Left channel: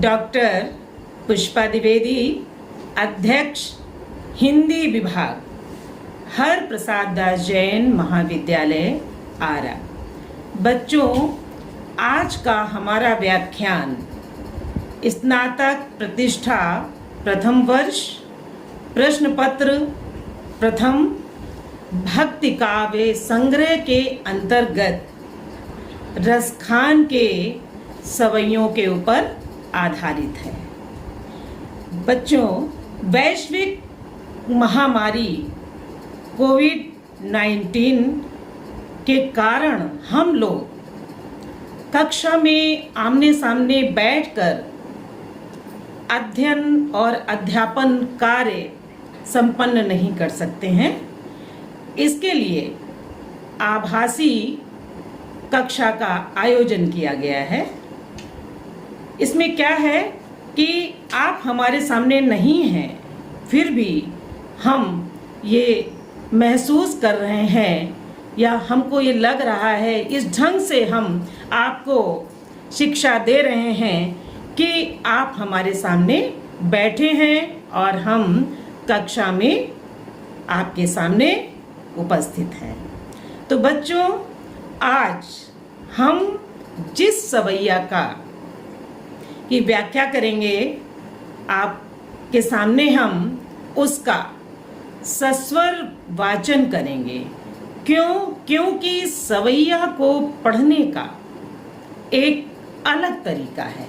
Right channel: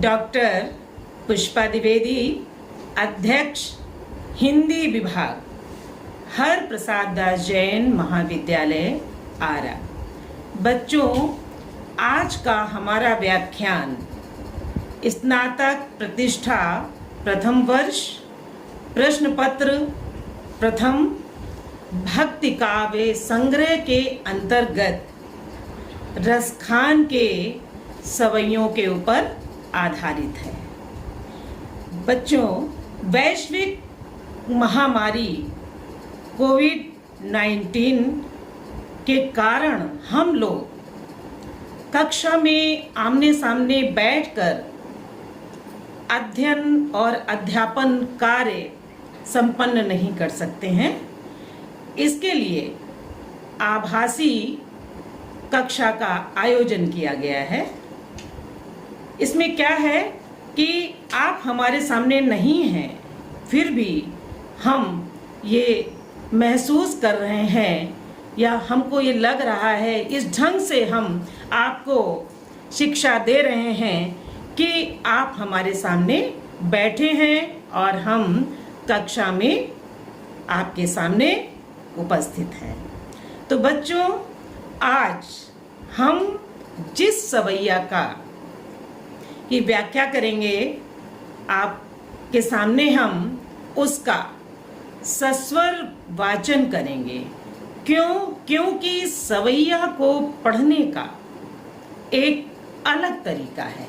Doctor Pushpa Dwivedi, अध्यक्ष हिंदी विभाग, हर प्रसाद दास जैन महाविद्यालय, आरा। बच्चों, आज का हमारा व्याख्यान स्नातक प्रतिष्ठा प्रथम वर्ष प्रश्न पत्र प्रथम भक्ति काव्य संग्रह के अंतर्गत रसखान के सवैयों के ऊपर आधारित है। बच्चों, वैश्विक महामारी कोविड-19 के कारण हम लोग कक्षा में आमने सामने बैठकर अध्ययन और अध्यापन कार्य संपन्न नहीं कर सकते हैं। इसके लिए आभासी कक्षा का आयोजन किया गया है। इसमें क्या है कि आप हमारे सामने नहीं हैं, फिर भी हम ये महसूस कर रहे हैं या हमको ये लग रहा है, इस ढंग से हम आपको शिक्षा दे रहे हैं कि आप हमारे सामने बैठे हैं और हम कक्षा में आपके सामने उपस्थित हैं। तो बच्चों, आज हम जिस सवैया का की व्याख्या करेंगे, आपके सामने हम उसका सस्वर वाचन करेंगे। क्योंकि सवैया को पढ़ने का एक अलग तरीका है।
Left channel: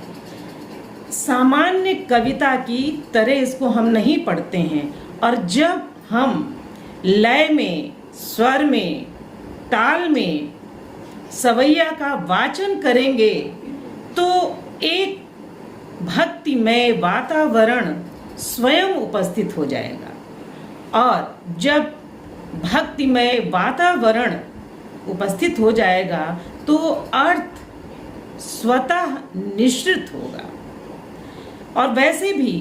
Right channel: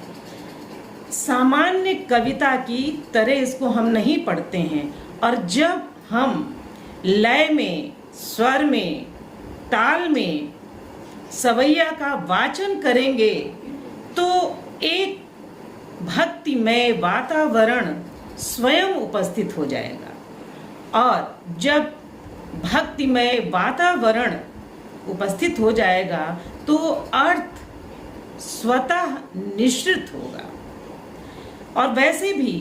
सामान्य कविता की तरह इसको हम नहीं पढ़ते हैं, और जब हम लय में, स्वर में, ताल में सवैया का वाचन करेंगे तो एक भक्तिमय वातावरण स्वयं उपस्थित हो जाएगा। और जब भक्तिमय वातावरण उपस्थित हो जाएगा तो अर्थ स्वतः निश्चित होगा। और वैसे भी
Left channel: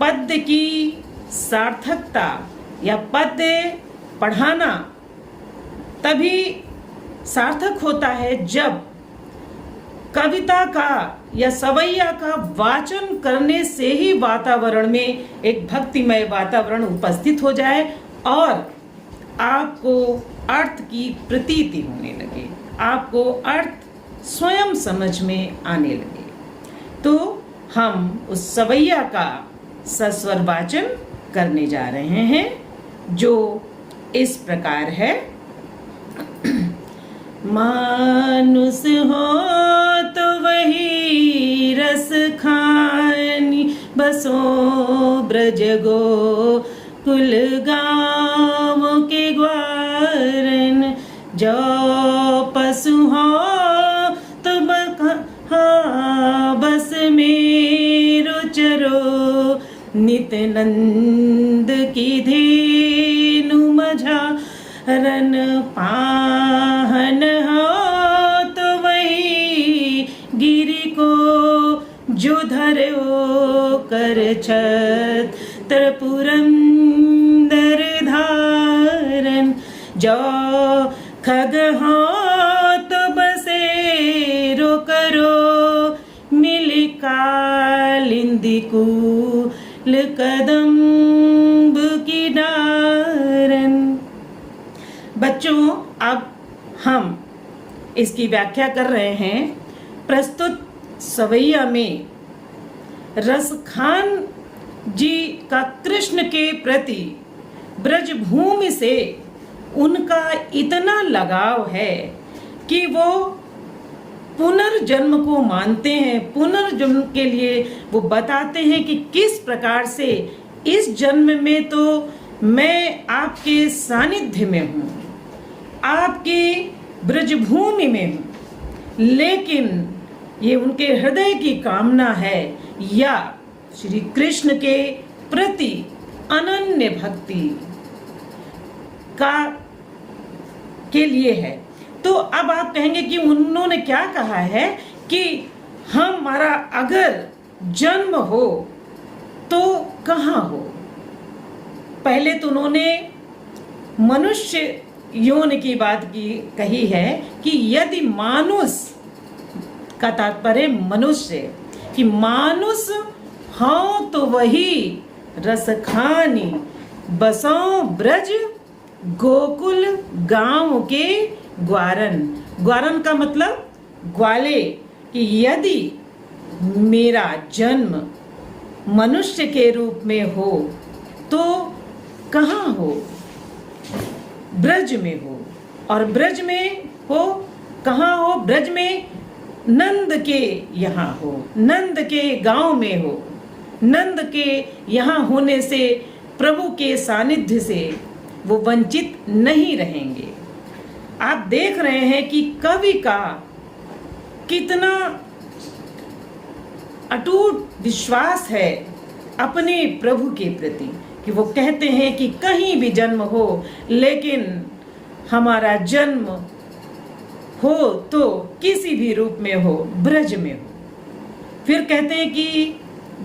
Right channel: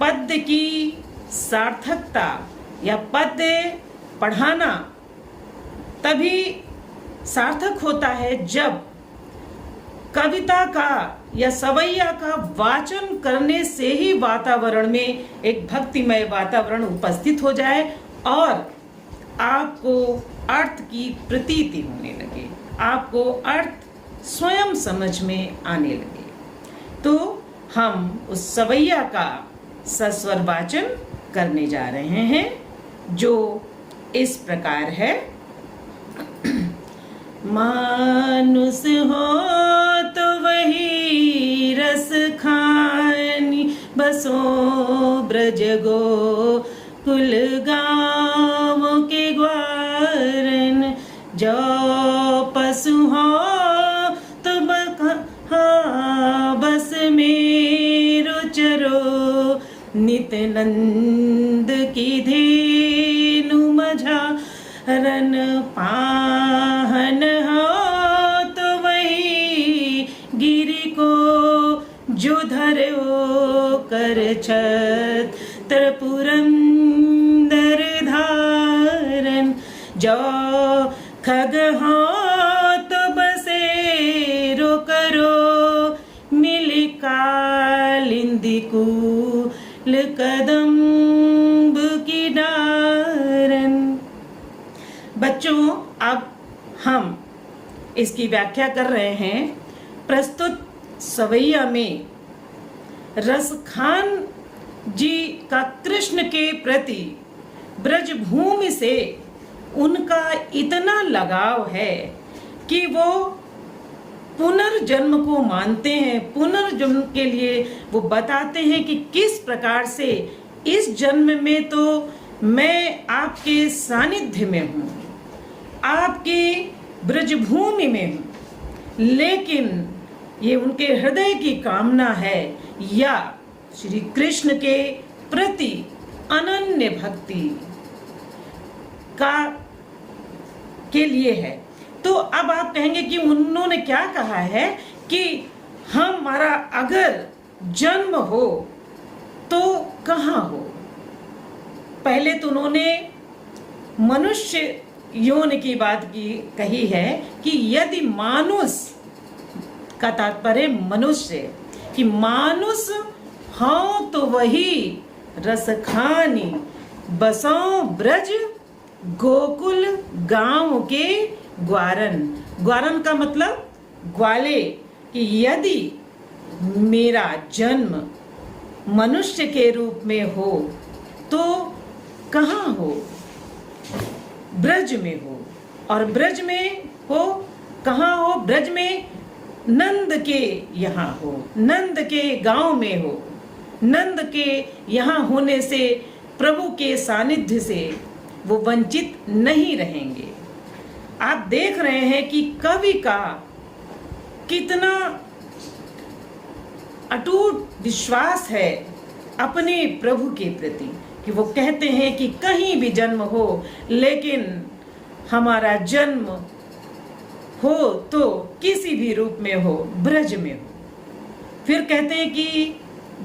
पद्य की सार्थकता या पद्य पढ़ाना तभी सार्थक होता है जब कविता का या सवैया का वाचन करने से ही वातावरण में एक भक्तिमय वातावरण उपस्थित हो जाए और आपको अर्थ की प्रतीति होने लगे, आपको अर्थ स्वयं समझ में आने लगे। तो हम उस सवैया का सस्वर वाचन करने जा रहे हैं, जो इस प्रकार है। मानुष हो तो वही रस खानी, बसो ब्रज गो कुल गाँव के ग्वारन। जो पशु हो तो बस मेरो चरो, नित नंद की धेनु मझा रन पाहन हो तो वही गिरि को जो धरो कर छत्र पुरंदर धारन। जो खग हो तो बसेरो करो, मिल कालिंदी कूल कदम्ब की डारन। बच्चों, अब हम इसकी व्याख्या कर रहे हैं। प्रस्तुत सवैया में रसखान जी का कृष्ण के प्रति ब्रजभूमि से उनका इतना लगाव है कि वो पुनर्जन्म को मानते हैं। पुनर्जन्म के लिए वो बताते हैं कि किस प्रकार से इस जन्म में तो मैं आपके सानिध्य में हूँ, आपकी ब्रजभूमि में हूँ, लेकिन ये उनके हृदय की कामना है या श्री कृष्ण के प्रति अनन्य भक्ति का के लिए है। तो अब आप कहेंगे कि उन्होंने क्या कहा है कि हमारा अगर जन्म हो तो कहाँ हो। पहले तो उन्होंने मनुष्य यौन की बात कही है कि यदि मानुष का तात्पर्य मनुष्य, कि मानुष हाँ तो वही रस खानी बसो ब्रज गोकुल गांव के ग्वारन। ग्वारन का मतलब ग्वाले, कि यदि मेरा जन्म मनुष्य के रूप में हो तो कहाँ हो? ब्रज में हो। और ब्रज में हो कहाँ हो? ब्रज में नंद के यहाँ हो, नंद के गांव में हो। नंद के यहाँ होने से, प्रभु के सानिध्य से वो वंचित नहीं रहेंगे। आप देख रहे हैं कि कवि का कितना अटूट विश्वास है अपने प्रभु के प्रति, कि वो कहते हैं कि कहीं भी जन्म हो, लेकिन हमारा जन्म हो तो किसी भी रूप में हो, ब्रज में हो। फिर कहते हैं कि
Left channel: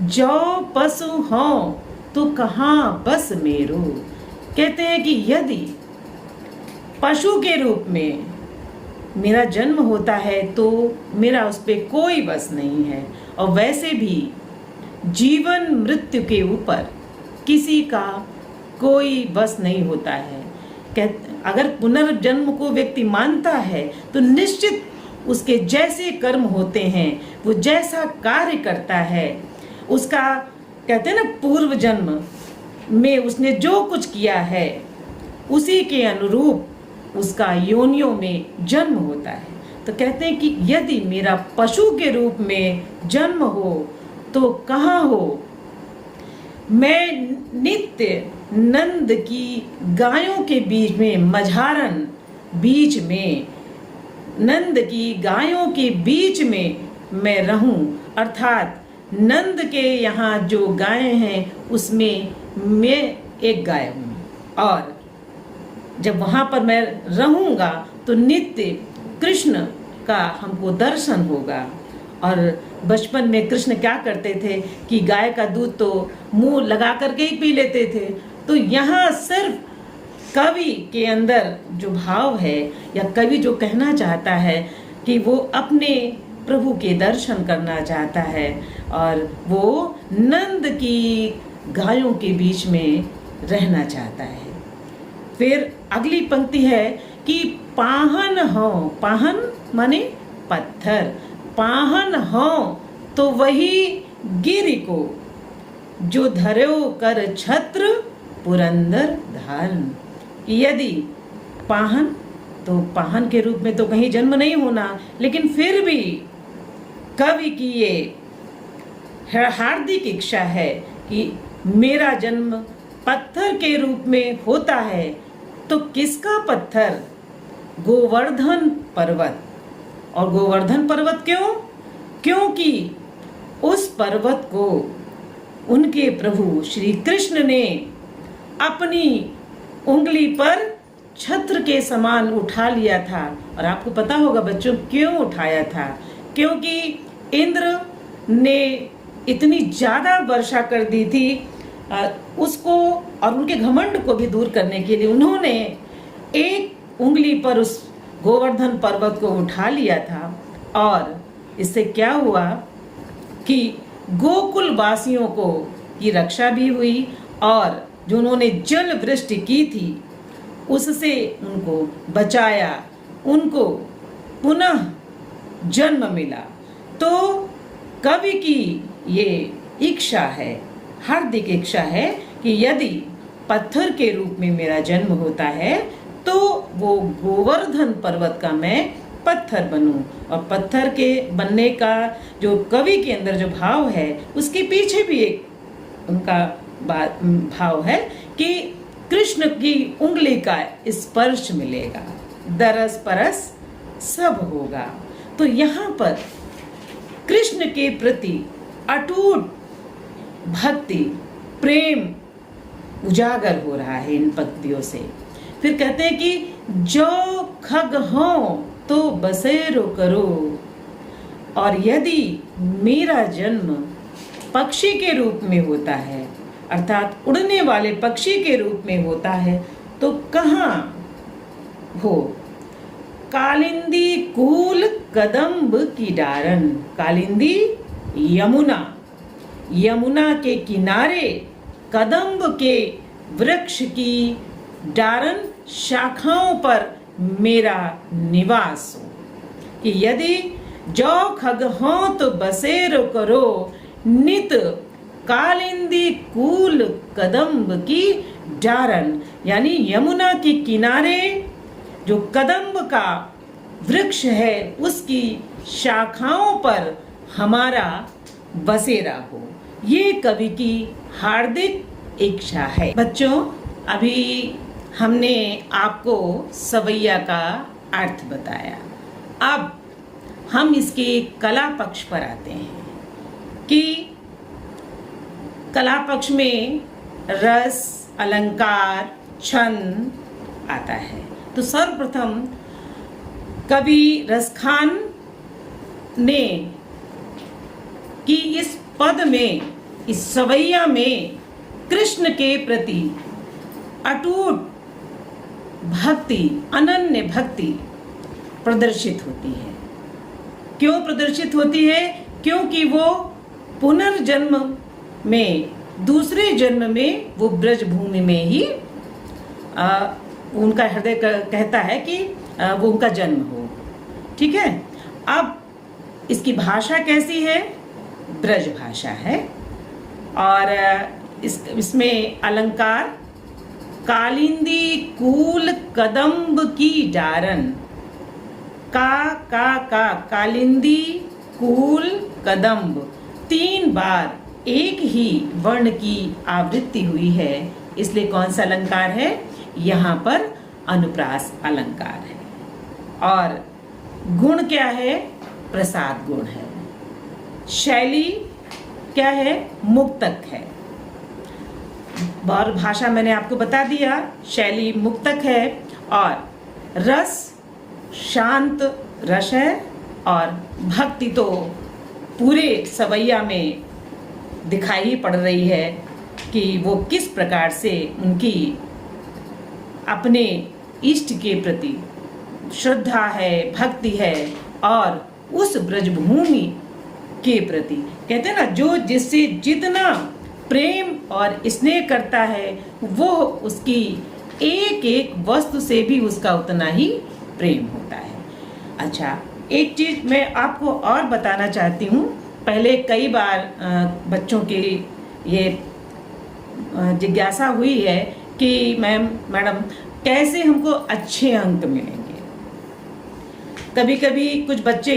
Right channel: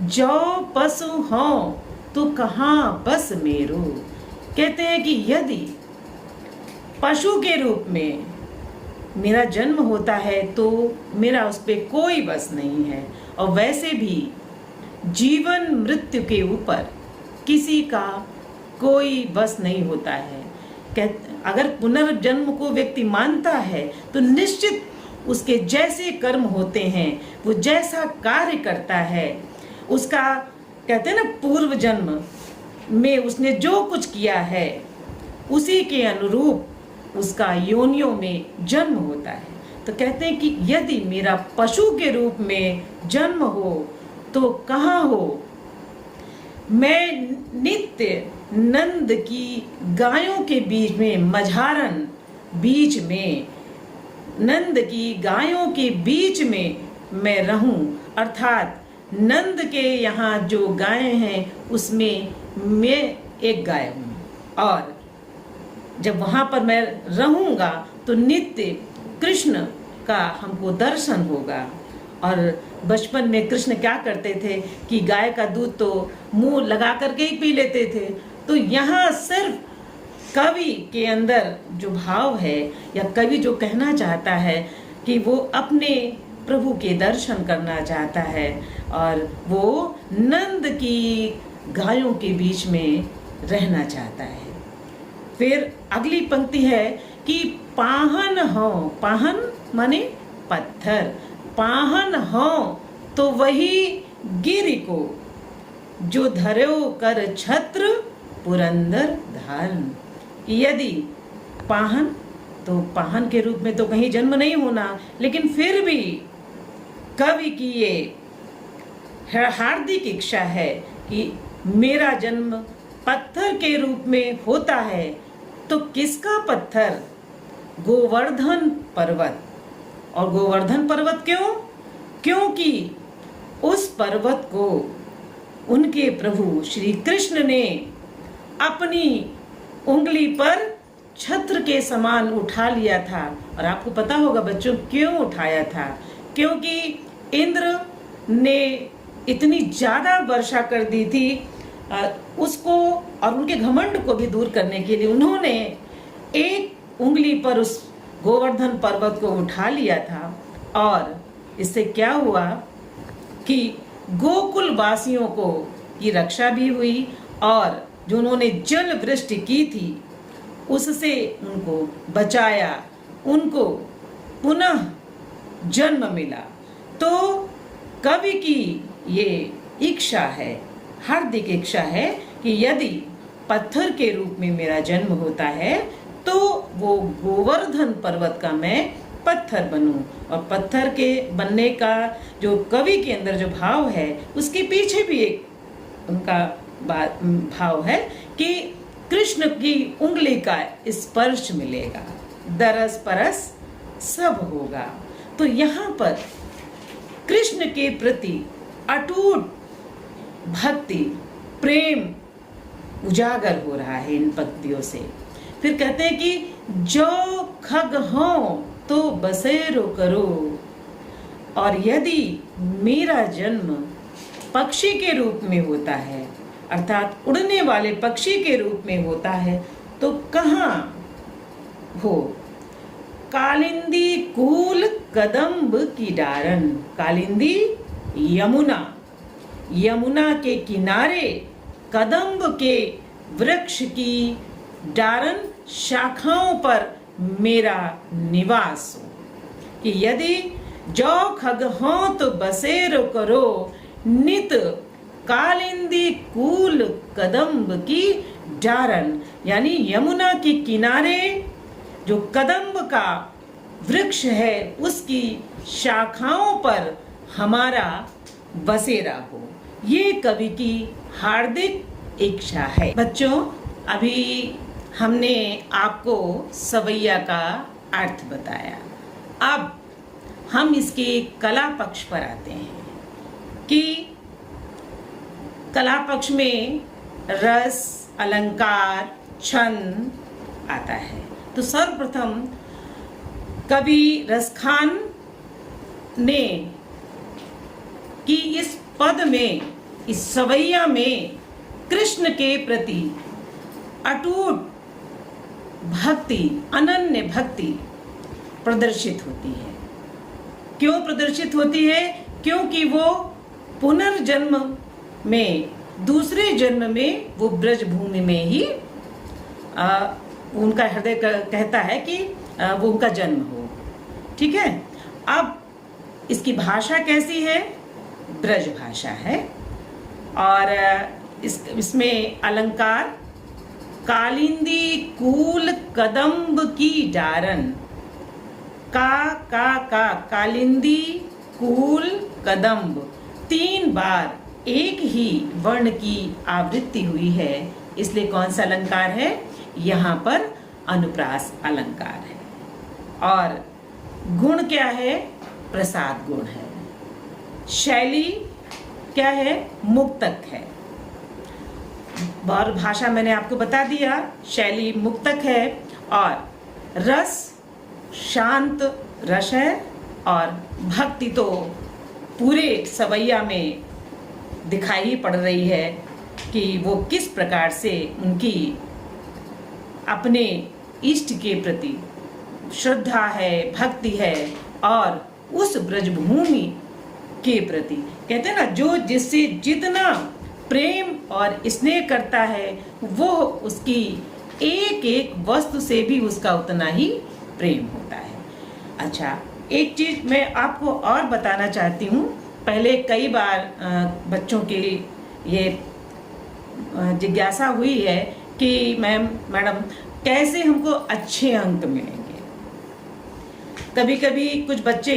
जो पशु हो तो कहाँ बस मेरो। कहते हैं कि यदि पशु के रूप में मेरा जन्म होता है तो मेरा उस पर कोई बस नहीं है। और वैसे भी जीवन मृत्यु के ऊपर किसी का कोई बस नहीं होता है। अगर पुनर्जन्म को व्यक्ति मानता है तो निश्चित उसके जैसे कर्म होते हैं, वो जैसा कार्य करता है, उसका कहते हैं ना पूर्व जन्म में उसने जो कुछ किया है उसी के अनुरूप उसका योनियों में जन्म होता है। तो कहते हैं कि यदि मेरा पशु के रूप में जन्म हो तो कहाँ हो? मैं नित्य नंद की गायों के बीच में, मझारन बीच में, नंद की गायों के बीच में मैं रहूं। अर्थात नंद के यहाँ जो गायें हैं उसमें मैं एक गाय हूँ। और जब वहां पर मैं रहूंगा तो नित्य कृष्ण का हमको दर्शन होगा। और बचपन में कृष्ण क्या करते थे कि गाय का दूध तो मुंह लगा करके ही पी लेते थे। तो यहाँ सिर्फ कवि के अंदर जो भाव है, या कवि जो कहना चाहता है कि वो अपने प्रभु के दर्शन करना चाहता है और वो नंद की गायों के बीच में रहना चाहता है। फिर अगली पंक्ति है कि पाहन हो, पाहन माने पत्थर, पाहन हो तो वही गिरि को जो धरो कर छत्र पुरंदर धारण। यदि पाहन, तो पाहन के रूप में तो कहीं जन्म नहीं होना, लेकिन फिर भी कवि की ये हार्दिक इच्छा है कि मेरा जन्म पत्थर के रूप में होता है। तो किसका पत्थर? गोवर्धन पर्वत। और गोवर्धन पर्वत क्यों? क्योंकि उस पर्वत को उनके प्रभु श्री कृष्ण ने अपनी उंगली पर छत्र के समान उठा लिया था। और आपको पता होगा बच्चों क्यों उठाया था? क्योंकि इंद्र ने इतनी ज्यादा वर्षा कर दी थी उसको, और उनके घमंड को भी दूर करने के लिए उन्होंने एक उंगली पर उस गोवर्धन पर्वत को उठा लिया था। और इससे क्या हुआ कि गोकुल वासियों को की रक्षा भी हुई, और जो उन्होंने जल वृष्टि की थी उससे उनको बचाया, उनको पुनः जन्म मिला। तो कवि की ये इच्छा है, हार्दिक इच्छा है कि यदि पत्थर के रूप में मेरा जन्म होता है तो वो गोवर्धन पर्वत का मैं पत्थर बनूं। और पत्थर के बनने का जो कवि के अंदर जो भाव है उसके पीछे भी एक उनका भाव है कि कृष्ण की उंगली का स्पर्श मिलेगा, दरस परस सब होगा। तो यहाँ पर कृष्ण के प्रति अटूट भक्ति, प्रेम उजागर हो रहा है इन पंक्तियों से। फिर कहते हैं कि जो खग हो तो बसेरो करो। और यदि मेरा जन्म पक्षी के रूप में होता है, अर्थात उड़ने वाले पक्षी के रूप में होता है, तो कहाँ हो? कालिंदी कूल कदम्ब की डारन। कालिंदी यमुना, यमुना के किनारे कदम्ब के वृक्ष की डारन शाखाओं पर मेरा निवास हो। कि यदि जो खग हों तो बसेरो करो, नित कालिंदी कूल कदम्ब की डारन, यानी यमुना के किनारे जो कदम्ब का वृक्ष है उसकी शाखाओं पर हमारा बसेरा हो। ये कवि की हार्दिक इच्छा है। बच्चों, अभी हमने आपको सवैया का अर्थ बताया। अब हम इसके कला पक्ष पर आते हैं कि कला पक्ष में रस, अलंकार, छंद आता है। तो सर्वप्रथम कवि रसखान ने कि इस पद में, इस सवैया में कृष्ण के प्रति अटूट भक्ति, अनन्य भक्ति प्रदर्शित होती है। क्यों प्रदर्शित होती है? क्योंकि वो पुनर्जन्म में, दूसरे जन्म में वो ब्रज भूमि में ही उनका हृदय कहता है कि वो उनका जन्म हो। ठीक है। अब इसकी भाषा कैसी है? ब्रज भाषा है। और इसमें अलंकार कालिंदी कूल कदम्ब की डारन, का कालिंदी कूल कदम्ब, 3 बार एक ही वर्ण की आवृत्ति हुई है, इसलिए कौन सा अलंकार है? यहाँ पर अनुप्रास अलंकार है। और गुण क्या है? प्रसाद गुण है। शैली क्या है? मुक्तक है। और भाषा मैंने आपको बता दिया, शैली मुक्तक है। और रस शांत रस है। और भक्ति तो पूरे सवैया में दिखाई पड़ रही है कि वो किस प्रकार से उनकी अपने इष्ट के प्रति श्रद्धा है, भक्ति है। और उस ब्रजभूमि के प्रति कहते हैं ना, जो जिससे जितना प्रेम और स्नेह करता है वो उसकी एक एक वस्तु से भी उसका उतना ही प्रेम होता है। अच्छा, एक चीज मैं आपको और बताना चाहती हूँ। पहले कई बार बच्चों की ये जिज्ञासा हुई है कि मैडम कैसे हमको अच्छे अंक मिलेंगे। कभी कभी कुछ बच्चे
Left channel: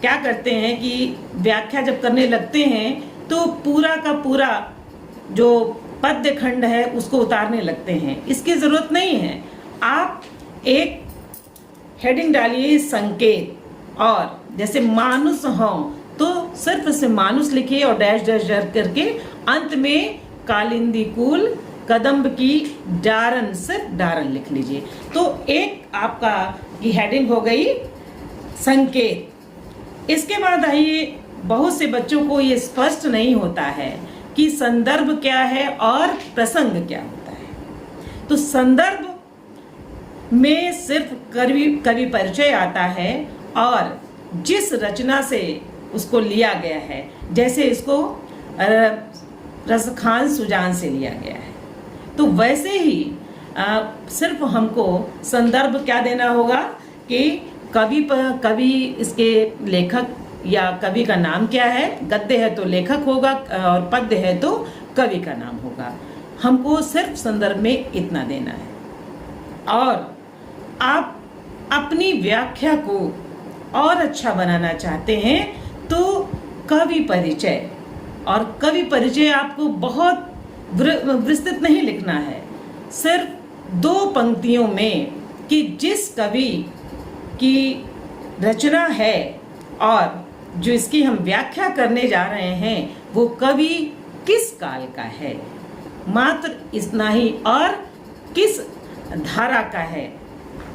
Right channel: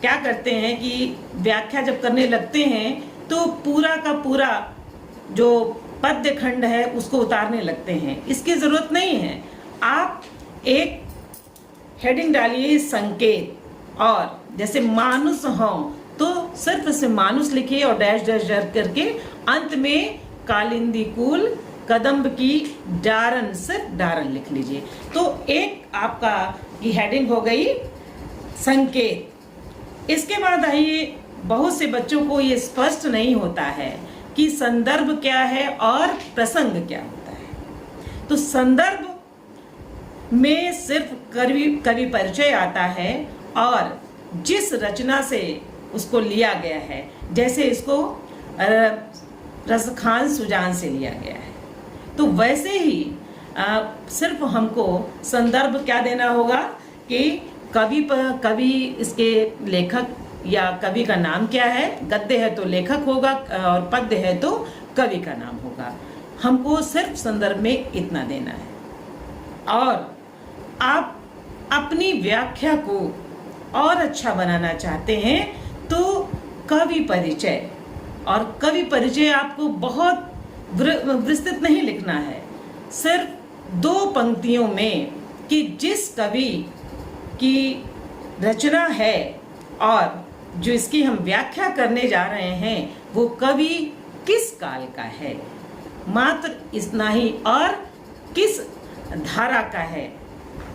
क्या करते हैं कि व्याख्या जब करने लगते हैं तो पूरा का पूरा जो पद्य खंड है उसको उतारने लगते हैं। इसकी जरूरत नहीं है। आप एक हेडिंग डालिए संकेत, और जैसे मानुष हो तो सिर्फ से मानुष लिखिए और डैश डैश डैश करके अंत में कालिंदी कूल कदम्ब की डारन, सिर्फ डारन लिख लीजिए। तो एक आपका ये हेडिंग हो गई संकेत। इसके बाद आइए, बहुत से बच्चों को ये स्पष्ट नहीं होता है कि संदर्भ क्या है और प्रसंग क्या होता है। तो संदर्भ में सिर्फ कवि परिचय आता है और जिस रचना से उसको लिया गया है, जैसे इसको रसखान सुजान से लिया गया है, तो वैसे ही सिर्फ हमको संदर्भ क्या देना होगा कि कवि इसके लेखक या कवि का नाम क्या है। गद्य है तो लेखक होगा और पद्य है तो कवि का नाम होगा। हमको सिर्फ संदर्भ में इतना देना है। और आप अपनी व्याख्या को और अच्छा बनाना चाहते हैं तो कवि परिचय, और कवि परिचय आपको बहुत विस्तृत नहीं लिखना है, सिर्फ 2 पंक्तियों में कि जिस कवि की रचना है और जो इसकी हम व्याख्या करने जा रहे हैं वो कवि किस काल का है, मात्र इतना ही, और किस धारा का है,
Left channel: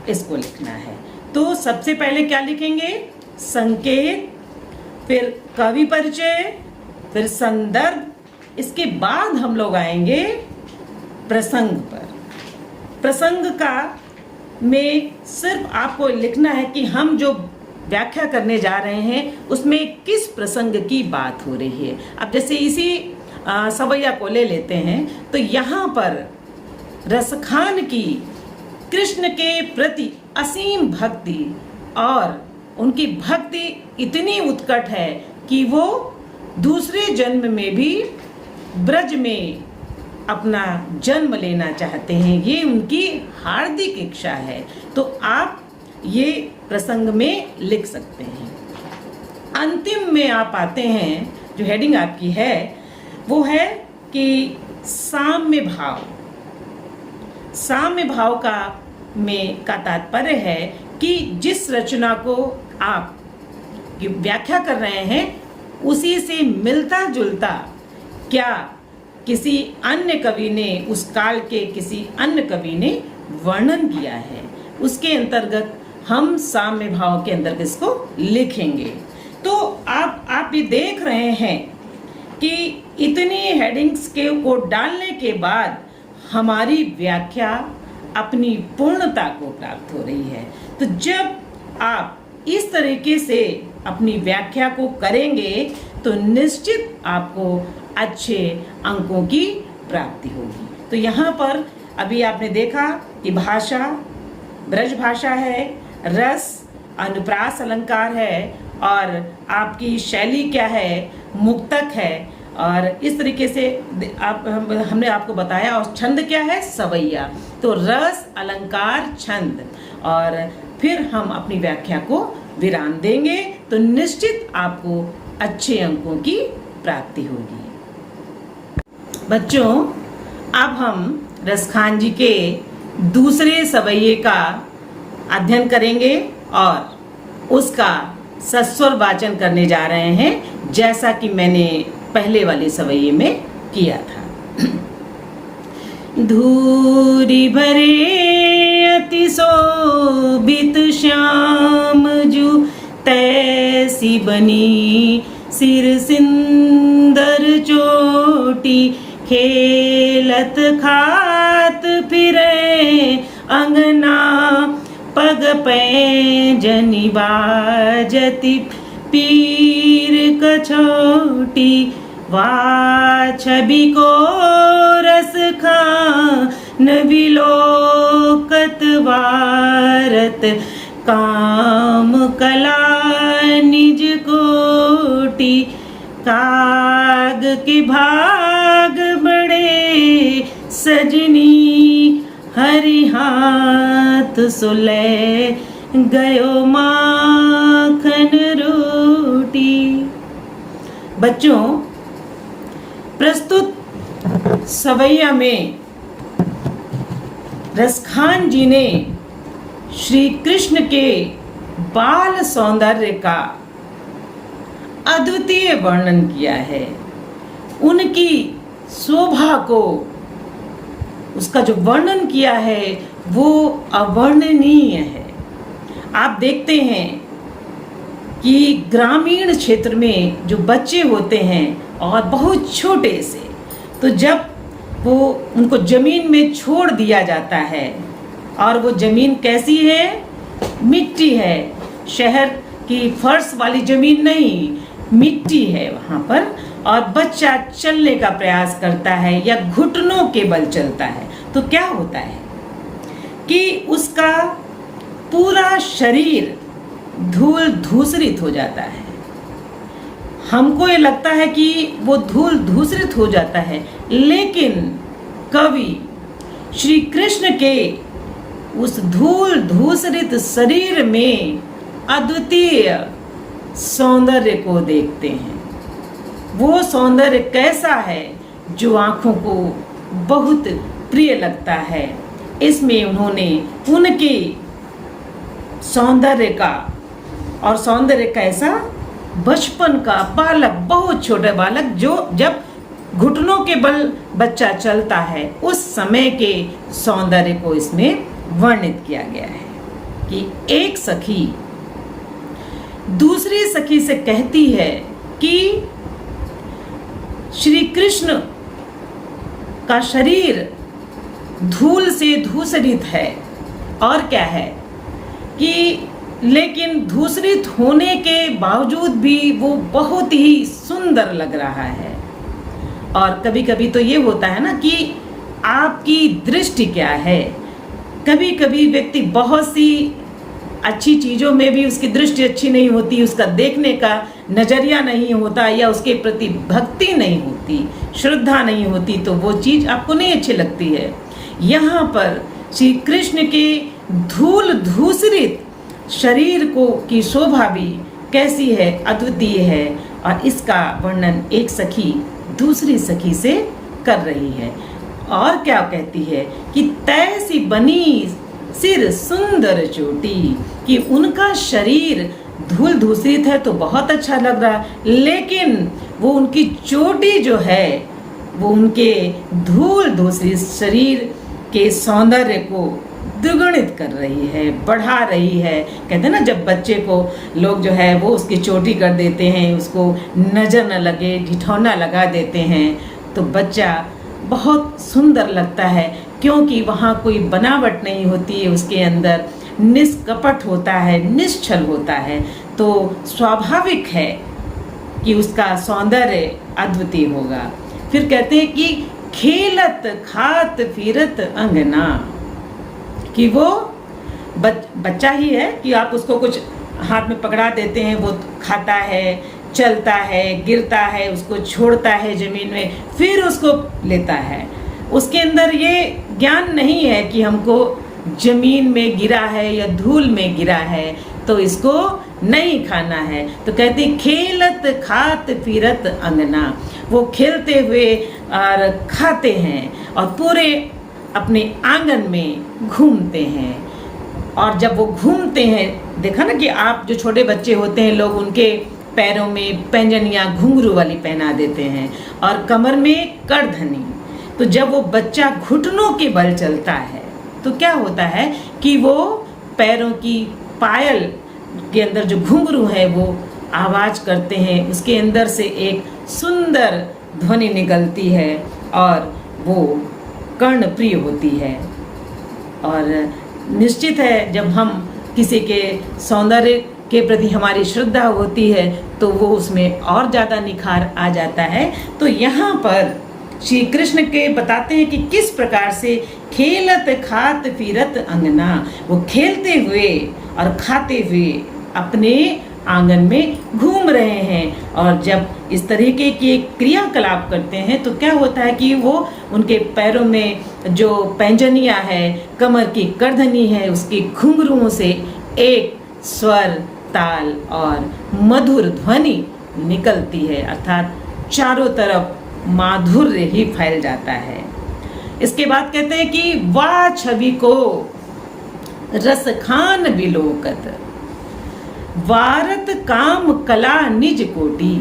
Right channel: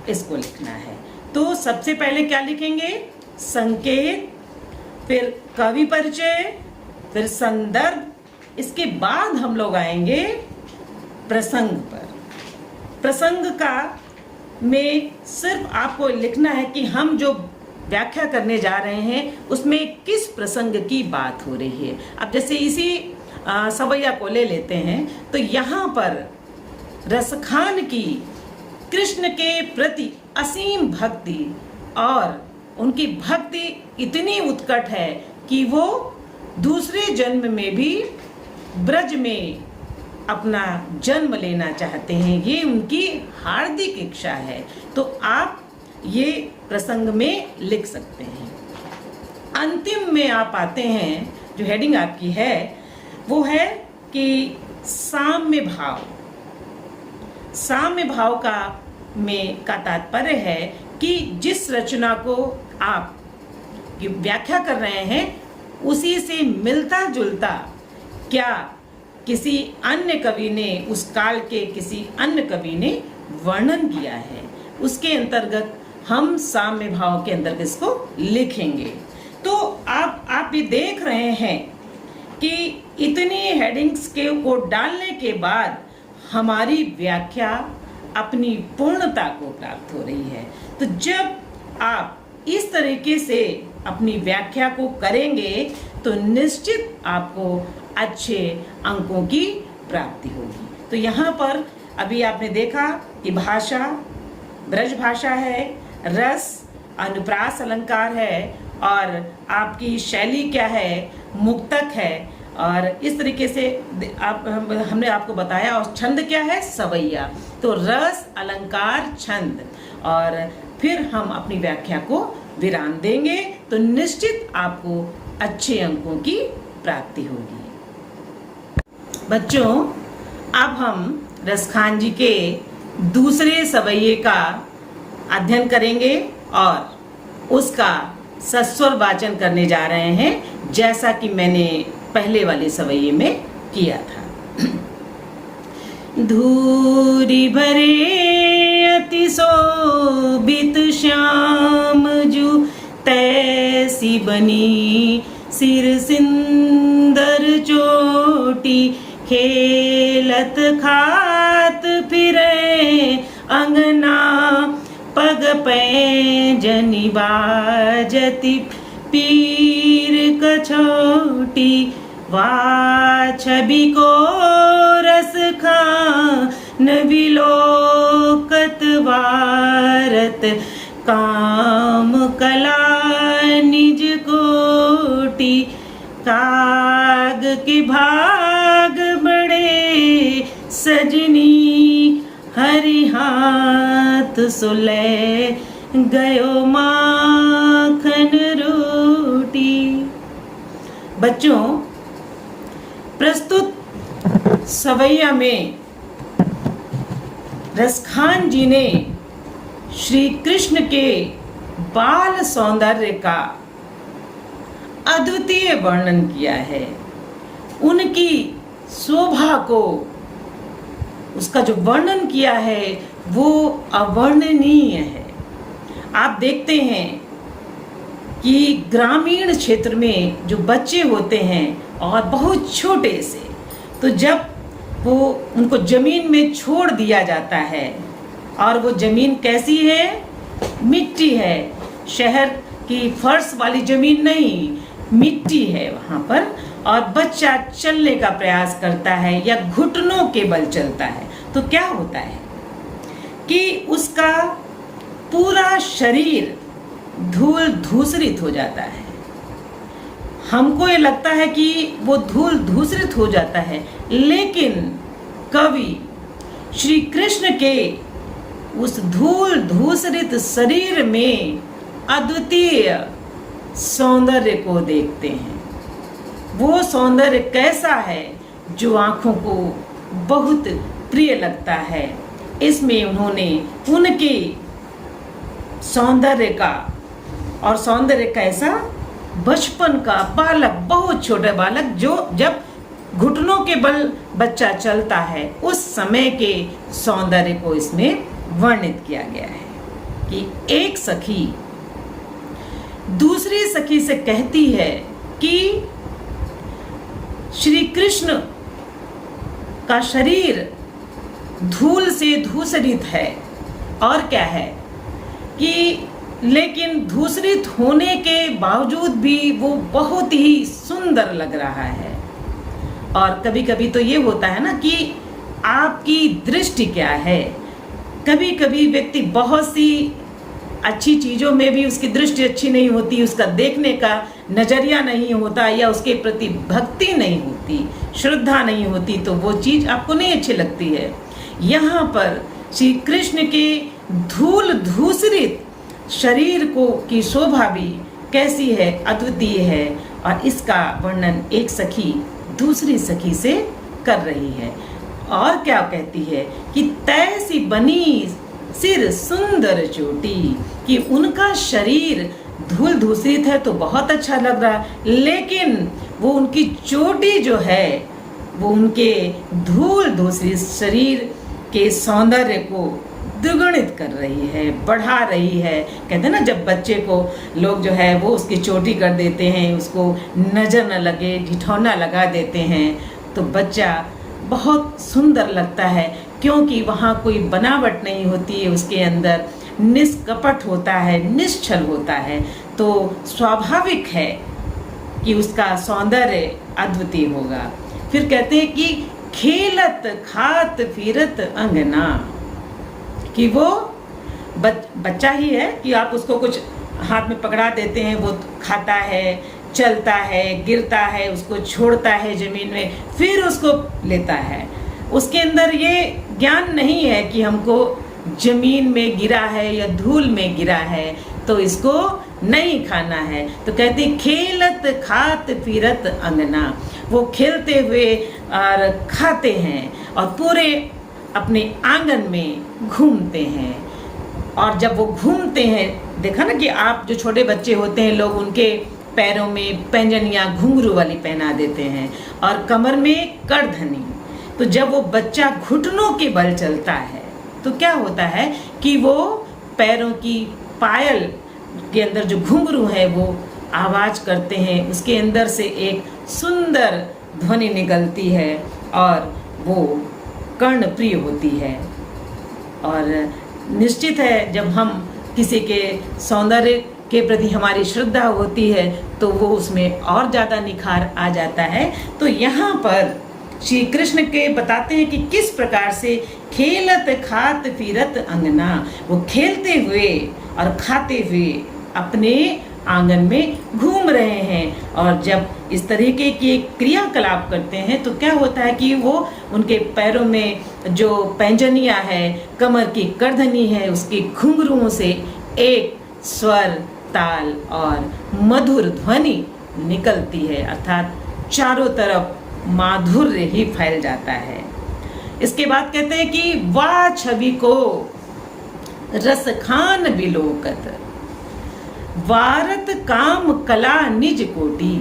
इसको लिखना है। तो सबसे पहले क्या लिखेंगे? संकेत, फिर कवि परिचय, फिर संदर्भ। इसके बाद हम लोग आएंगे प्रसंग पर। प्रसंग का में सिर्फ आपको लिखना है कि हम जो व्याख्या करने जा रहे हैं उसमें किस प्रसंग की बात हो रही है। अब जैसे इसी सवैया को ले लेते हैं तो यहाँ पर रसखान की कृष्ण के प्रति असीम भक्ति और उनकी भक्ति इतनी उत्कट है कि वो दूसरे जन्म में भी ब्रज में अपना जन्म लेना चाहते हैं। ये उनकी हार्दिक इच्छा है। तो आप ये प्रसंग में लिख सकते हैं। अंतिम में आप आते हैं, जो हेडिंग आपकी है वो है कि साम्य भाव। साम्य भाव का तात्पर्य है कि जिस रचना को आप व्याख्या कर रहे हैं उसी से मिलता जुलता क्या किसी अन्य कवि ने, उस काल के किसी अन्य कवि ने वर्णन किया है, उसके अंतर्गत हम साम्य भाव के अंतर्गत इसको लिखेंगे। तो आप ये देख रहे हैं कि इतनी हेडिंग्स को डालने के बाद हमारी व्याख्या अपनी पूर्णता को प्राप्त हो रही है। तो जब आप इस तरीके से अपनी व्याख्या को करेंगे तो निश्चित आपको अच्छे अंकों की प्राप्ति होगी। तो यहाँ पर अभी आपने देखा कि भाषा ब्रज भाषा है, रस अनुप्रास अलंकार है और आपकी शैली क्या है, मुक्तक है, और इस तरीके से हमने आपको बताया। और छंद क्या है, सवैया। तो रस अलंकार छंद, और फिर हम अपनी व्याख्या को विराम देंगे तो निश्चित आपको अच्छे अंकों की प्राप्ति होगी। बच्चों, अब हम रसखान जी के दूसरे सवैये का अध्ययन करेंगे और उसका सस्वर वाचन करने जा रहे हैं, जैसा कि मैंने पहले वाले सवैये में किया था। धूरी भरे अति शोभित श्याम जू तैसी बनी सिर सिंदर चोटी खेलत खात फिरे अंगना पग पैंजनी बाजती पीर कछोटी वा छवि को रस खान विलोकत वारत काम कला निज कोटि काग के भाग बड़े सजनी हरि हाथ सुले गयो माखन रोटी। बच्चों, प्रस्तुत सवैया में रसखान जी ने श्री कृष्ण के बाल सौंदर्य का अद्वितीय वर्णन किया है। उनकी शोभा को, उसका जो वर्णन किया है वो अवर्णनीय है। आप देखते हैं कि ग्रामीण क्षेत्र में जो बच्चे होते हैं और बहुत छोटे से, तो जब वो उनको जमीन में छोड़ दिया जाता है, और वो जमीन कैसी है, मिट्टी है, शहर की फर्श वाली जमीन नहीं, मिट्टी है वहां पर, और बच्चा चलने का प्रयास करता है या घुटनों के बल चलता है, तो क्या होता है कि उसका पूरा शरीर धूल धूसरित हो जाता है। हमको ये लगता है कि वो धूल धूसरित हो जाता है, लेकिन कवि श्री कृष्ण के उस धूल धूसरित शरीर में अद्वितीय सौंदर्य को देखते हैं। वो सौंदर्य कैसा है जो आंखों को बहुत प्रिय लगता है। इसमें उन्होंने उनके सौंदर्य का, और सौंदर्य कैसा, बचपन का बालक, बहुत छोटे बालक, जो जब घुटनों के बल बच्चा चलता है उस समय के सौंदर्य को इसमें वर्णित किया गया है कि एक सखी दूसरी सखी से कहती है कि श्री कृष्ण का शरीर धूल से धूसरित है, और क्या है कि लेकिन दूसरित होने के बावजूद भी वो बहुत ही सुंदर लग रहा है। और कभी कभी तो ये होता है ना कि आपकी दृष्टि क्या है। कभी कभी व्यक्ति बहुत सी अच्छी चीजों में भी उसकी दृष्टि अच्छी नहीं होती, उसका देखने का नजरिया नहीं होता, या उसके प्रति भक्ति नहीं होती, श्रद्धा नहीं होती, तो वो चीज आपको नहीं अच्छी लगती है। यहाँ पर श्री कृष्ण के धूल धूसरित शरीर को की शोभा भी कैसी है, अद्वितीय है। और इसका वर्णन एक सखी दूसरी सखी से कर रही है। और क्या कहती है कि तैसी बनी सिर सुंदर चोटी, कि उनका शरीर धूल धूसरित है तो बहुत अच्छा लग रहा है, लेकिन वो उनकी चोटी जो है वो उनके धूल धूसरित शरीर के सौंदर्य को द्विगुणित कर रही है, बढ़ा रही है। कहते हैं ना, जब बच्चे को लोग जो है वो उसकी चोटी कर देते हैं, उसको नजर न लगे, ठिठौना लगा देते हैं, तो बच्चा बहुत सुंदर लगता है, क्योंकि वहाँ कोई बनावट नहीं होती है, उसके अंदर निष्कपट होता है, निश्चल होता है। तो स्वाभाविक है कि उसका सौंदर्य अद्वितीय होगा। फिर कहते हैं कि खेलत खात फिरत अंगना, कि वो बच्चा ही है कि आप उसको कुछ हाथ में पकड़ा देते हैं, वो खाता है, चलता है, गिरता है, उसको छोड़ता है जमीन में, फिर उसको लेता है। उसके अंदर ये ज्ञान नहीं है कि हमको जमीन में गिरा है या धूल में गिरा है तो इसको नहीं खाना है। तो कहते खेलत खात फिरत अंगना, वो खेलते हुए और खाते हैं और पूरे अपने आंगन में घूमते हैं। और जब वो घूमते हैं, देखा ना कि आप जो छोटे बच्चे होते हैं, लोग उनके पैरों में पैंजनियां घुंघरू वाली पहना देते हैं और कमर में करधनी। तो जब वो बच्चा घुटनों के बल चलता है तो क्या होता है कि वो पैरों की पायल के अंदर जो घुंघरू है वो आवाज करते हैं, उसके अंदर से एक सुंदर ध्वनि निकलती है और वो कर्ण प्रिय होती है। और निश्चित है, जब हम किसी के सौंदर्य के प्रति हमारी श्रद्धा होती है तो वो उसमें और ज्यादा निखार आ जाता है। तो यहाँ पर श्री कृष्ण के बताते हैं कि किस प्रकार से खेलत खात फिरत अंगना, वो खेलते हुए और खाते हुए अपने आंगन में घूम रहे हैं। और जब इस तरीके की क्रियाकलाप करते हैं तो क्या होता है कि वो उनके पैरों में जो पैंजनियां है, कमर की करधनी है, उसकी घुंघरुओं से एक स्वर, ताल और मधुर ध्वनि निकलती है, अर्थात चारों तरफ माधुर्य ही फैल जाता है। इसके बाद कहते हैं कि वाह छवि को रसखान बिलोकत, वारत काम कला निज कोटि,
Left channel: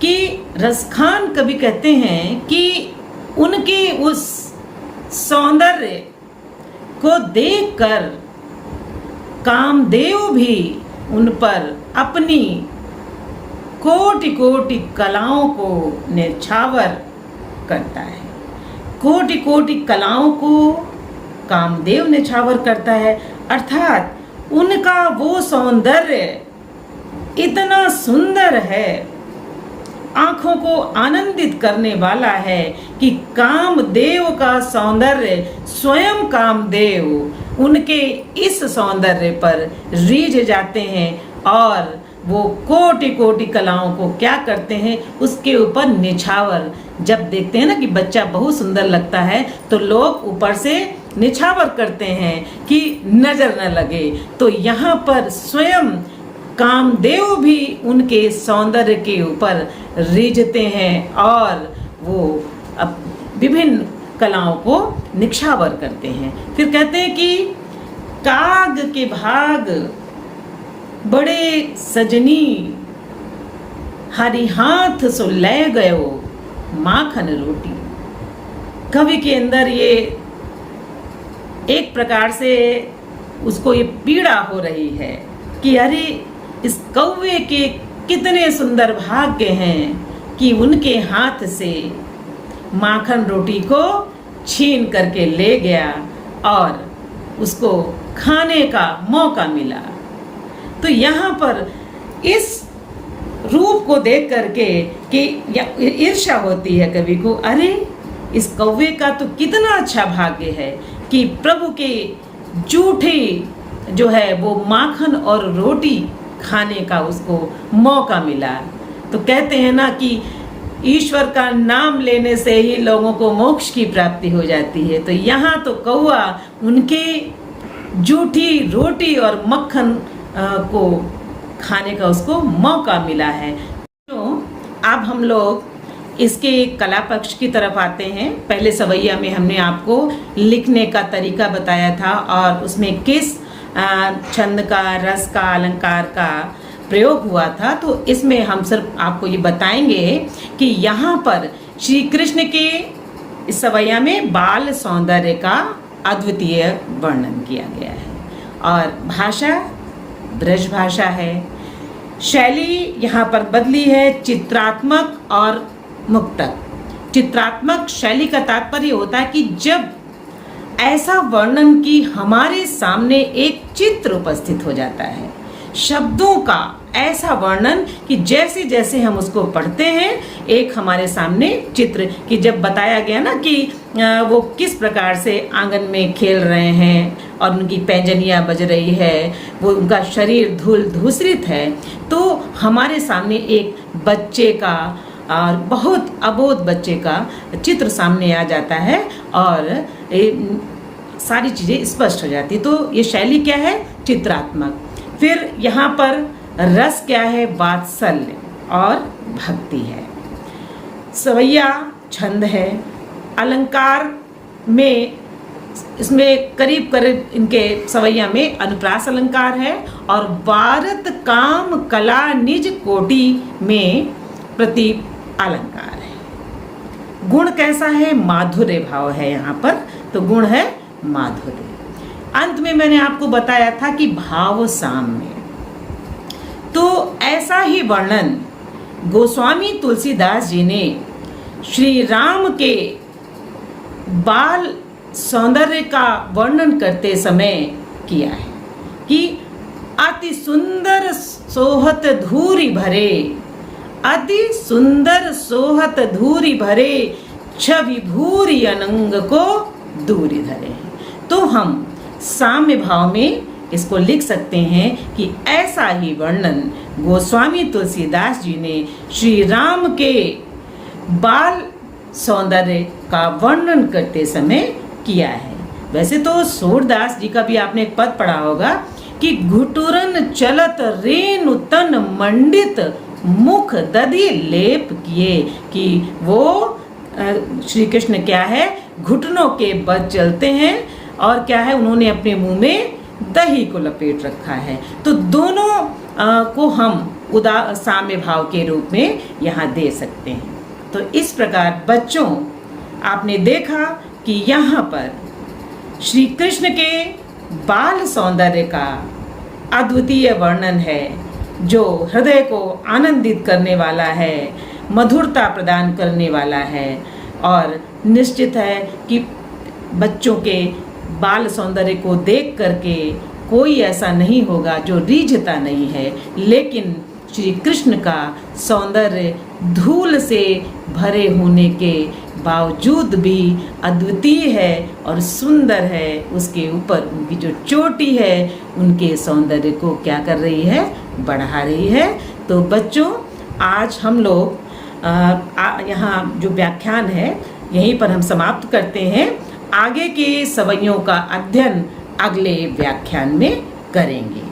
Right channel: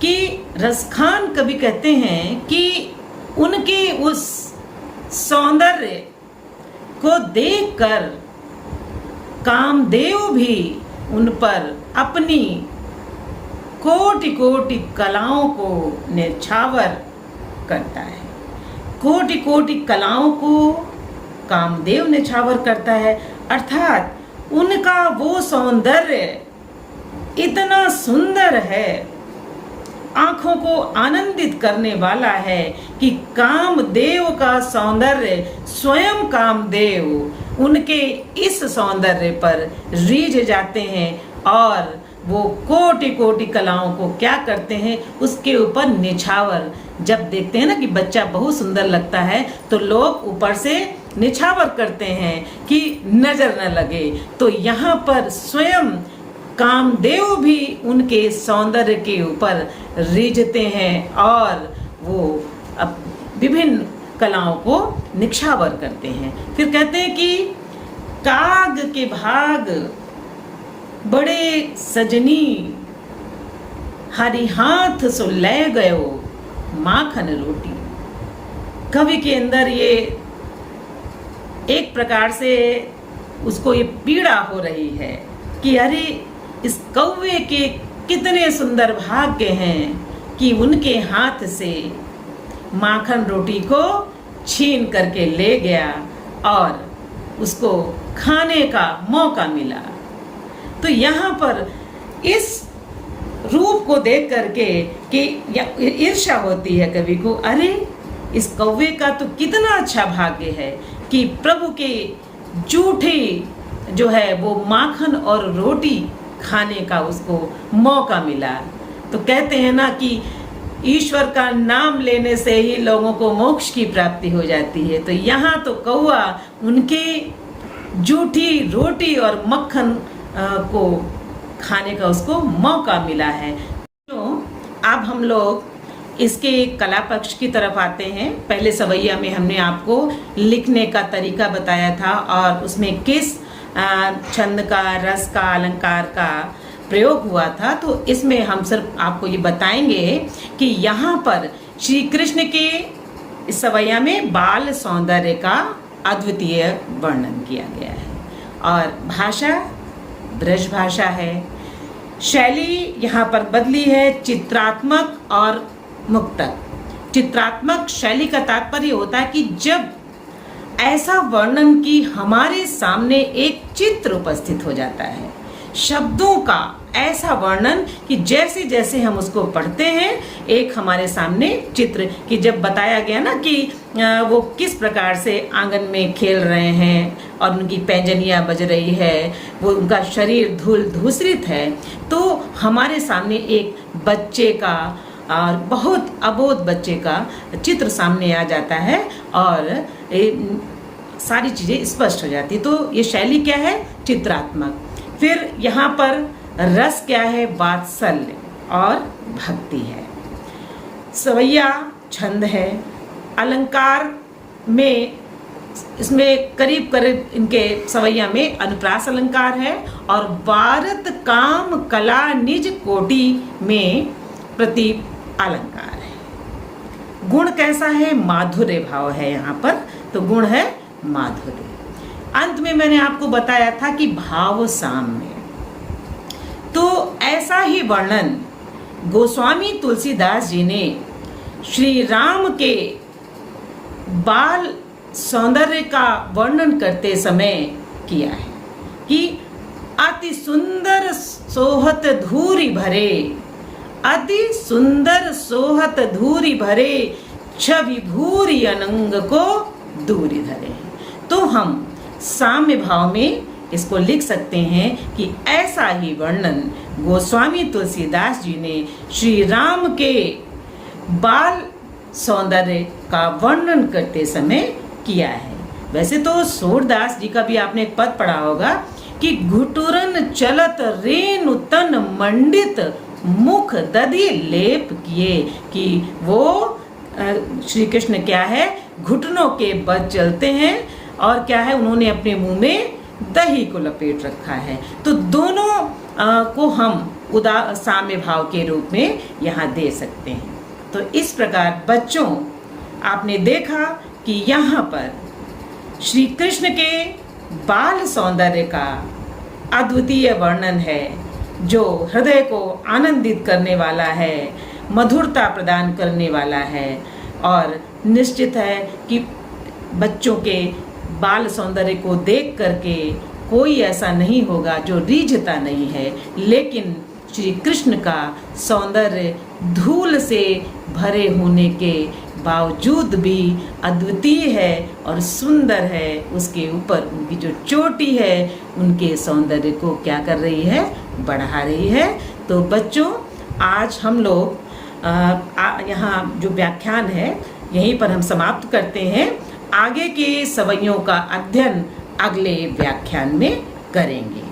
कि रसखान कवि कहते हैं कि उनके उस सौंदर्य को देखकर कामदेव भी उन पर अपनी कोटि कोटि कलाओं को न्यौछावर करता है। कोटि कोटि कलाओं को कामदेव न्यौछावर करता है, अर्थात उनका वो सौंदर्य इतना सुंदर है, आंखों को आनंदित करने वाला है कि कामदेव का सौंदर्य, स्वयं कामदेव उनके इस सौंदर्य पर रीझ जाते हैं और वो कोटि कोटि कलाओं को क्या करते हैं, उसके ऊपर निछावर। जब देखते हैं ना कि बच्चा बहुत सुंदर लगता है तो लोग ऊपर से निछावर करते हैं कि नजर न लगे। तो यहाँ पर स्वयं कामदेव भी उनके सौंदर्य के ऊपर रीझते हैं और वो विभिन्न कलाओं को निछावर करते हैं। फिर कहते हैं कि काग के भाग बड़े सजनी, हरि हाथ सो ले गयो माखन रोटी। कवि के अंदर ये एक प्रकार से उसको ये पीड़ा हो रही है कि अरे इस कौवे के कितने सुंदर भाग्य हैं कि उनके हाथ से माखन रोटी को छीन करके ले गया और उसको खाने का मौका मिला। तो यहाँ पर इस रूप को देख करके कि ईर्ष्या होती है कवि को, अरे इस कौवे का तो कितना अच्छा भाग्य है कि प्रभु के जूठे जो है वो माखन और रोटी खाने का उसको मौका मिला। तो कहते हैं ना कि ईश्वर का नाम लेने से ही लोगों को मोक्ष की प्राप्ति हो जाती है। तो यहाँ तो कौवा उनके जूठी रोटी और मक्खन को खाने का उसको मौका मिला है। तो अब हम लोग इसके कला पक्ष की तरफ आते हैं। पहले सवैया में हमने आपको लिखने का तरीका बताया था और उसमें किस छंद का, रस का, अलंकार का प्रयोग हुआ था। तो इसमें हम सिर्फ आपको ये बताएंगे कि यहाँ पर श्री कृष्ण के सवैया में बाल सौंदर्य का अद्वितीय वर्णन किया गया है और भाषा ब्रज भाषा है। शैली यहाँ पर बदली है चित्रात्मक और मुक्तक। चित्रात्मक शैली का तात्पर्य होता है कि जब ऐसा वर्णन कि हमारे सामने एक चित्र उपस्थित हो जाता है, शब्दों का ऐसा वर्णन कि जैसे जैसे हम उसको पढ़ते हैं एक हमारे सामने चित्र, कि जब बताया गया ना कि वो किस प्रकार से आंगन में खेल रहे हैं और उनकी पैंजनियां बज रही है, वो उनका शरीर धूल धूसरित है, तो हमारे सामने एक बच्चे का और बहुत अबोध बच्चे का चित्र सामने आ जाता है और सारी चीजें स्पष्ट हो जाती। तो ये शैली क्या है? चित्रात्मक। फिर यहाँ पर रस क्या है? वात्सल्य और भक्ति है। सवैया छंद है। अलंकार में इसमें करीब करीब इनके सवैया में अनुप्रास अलंकार है और भारत काम कला निज कोटि में प्रति अलंकार है। गुण कैसा है? माधुर्य भाव है यहाँ पर, तो गुण है माधुर्य। अंत में मैंने आपको बताया था कि भाव साम्य, तो ऐसा ही वर्णन गोस्वामी तुलसीदास जी ने श्री राम के बाल सौंदर्य का वर्णन करते समय किया है कि अति सुंदर सोहत धूरी भरे, अति सुंदर सोहत धूरी भरे, छवि भूरी अनंग को दूरी धरे। तो हम साम्य भाव में इसको लिख सकते हैं कि ऐसा ही वर्णन गोस्वामी तुलसीदास जी ने श्री राम के बाल सौंदर्य का वर्णन करते समय किया है। वैसे तो सूरदास जी का भी आपने एक पद पढ़ा होगा कि घुटुरन चलत रेणु तन मंडित मुख दधि लेप किए, कि वो श्री कृष्ण क्या है? घुटनों के बल चलते हैं और क्या है? उन्होंने अपने मुंह में दही को लपेट रखा है। तो दोनों को हम साम्य भाव के रूप में यहाँ दे सकते हैं। तो इस प्रकार बच्चों आपने देखा कि यहाँ पर श्री कृष्ण के बाल सौंदर्य का अद्वितीय वर्णन है जो हृदय को आनंदित करने वाला है, मधुरता प्रदान करने वाला है। और निश्चित है कि बच्चों के बाल सौंदर्य को देख करके कोई ऐसा नहीं होगा जो रीझता नहीं है, लेकिन श्री कृष्ण का सौंदर्य धूल से भरे होने के बावजूद भी अद्वितीय है और सुंदर है। उसके ऊपर उनकी जो चोटी है उनके सौंदर्य को क्या कर रही है? बढ़ा रही है। तो बच्चों आज हम लोग यहाँ जो व्याख्यान है यहीं पर हम समाप्त करते हैं। आगे के सवैयों का अध्ययन अगले व्याख्यान में करेंगे।